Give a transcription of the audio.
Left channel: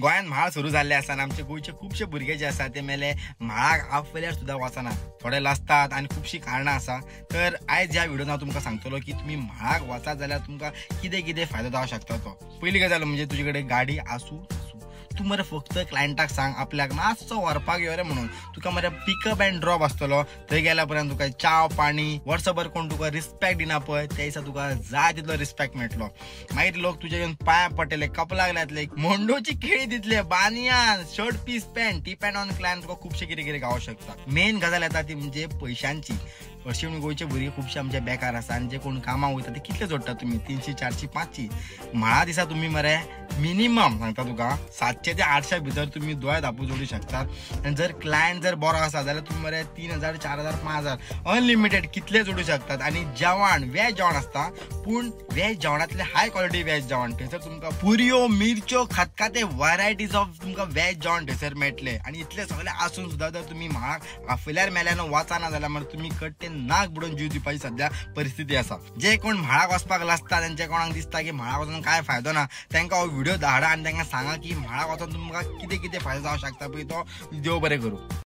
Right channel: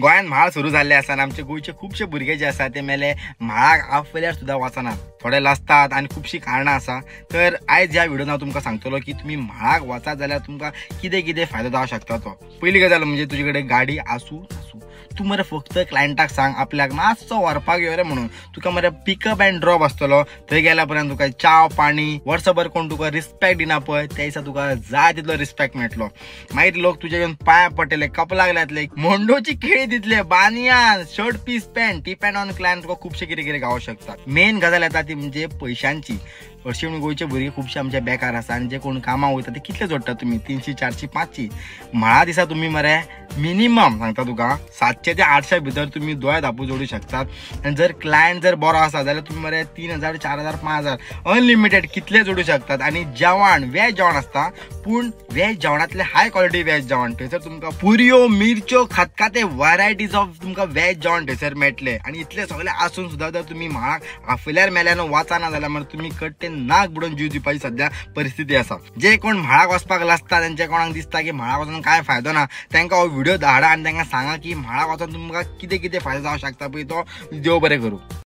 गोंयान म्हाळ सुरू जाल्ले आसा आनी आमचे गोंयचे खुबशे भुरगे जे आसा ते मेले म्हाळाक आपल्यार सुद्धा वचनात, थोडे लासतात आनी खुबशी कारणां आसा। तर आयज ह्या व्हिडिओन हांव तुमकां सांगतलो की तुम्ही म्हाळाक वचात जाल्यार तुमकां कितें कितें फायदो जावंक शकता तो। पहिली गजाल म्हणजे तुजे कडेन गाडी आसूं तू मरे फक्त क्लायंटाक सांग आपल्याक मातसो व्हरपाक यो रे म्हणून, तुका मरे पिकअप एंड ड्रॉप आसतलो। थंय गेल्या पर्यंत तुका चाव पाणी वर्सभर कोण तुका रिस्पेक्ट दिना पळय त्या दिसा तुका जाय तितलो रिस्पेक्ट मेळटलो। मागीर लोक तुजे येवन पांया पडटले, कपलाक लायतले, मोंडोची केळी दितले, बानियान shirt piece pant, depend on client तुका खुबशे कितें कितें गावोंक शकता। मेन गजाल येता ती म्हणजे पयशांची। अशी म्हणून गोंयचे भुरगे खुबशे आमचे बेकार आसा आनी जे कोण कामाक वयता ते कितले जोडटा तुमी 300 400 500 म्हाळा दिसा तुम्ही मरे मिनिमम सांगता तुका 700 ते 800 भितर तुम्ही दोळे धापू जोडू शकतात। आणि जर क्लायंट जर बरो आसा जाल्यार तुम्ही मरे 3000 4000 5000 अनलिमिटेड कितले जोडू शकतात। आणि जेवण वेज जेवण आसता, पूण वेज जेवणातले हाय क्वालिटी वेज जेवण थंयसर तुमकां पुरयो मिरच्यो खतखते व्हरायटीज ऑफ तुमकां वेज जेवण थंयसर मेळटले। आणि इतले सगळे आसून सुद्धा जर तुम्ही म्हाळाक आपल्यार मेल्यान वचना जाल्यार मरे तुम्ही कट्टे नाक बुडोवन जीव दिवपाची सध्या परिस्थिती आसा। जे कोण म्हाळाक वचपाक लासता त्यांच्या कोणाक दिसता की म्हाळाक वचून काय फायदो ना, तांकां हो व्हिडिओ धाडा आणि तांकां सांगा की म्हाळाक वचून तुमकां कितें कितें फायदो जावंक शकता पळय तो देव बरें करूं।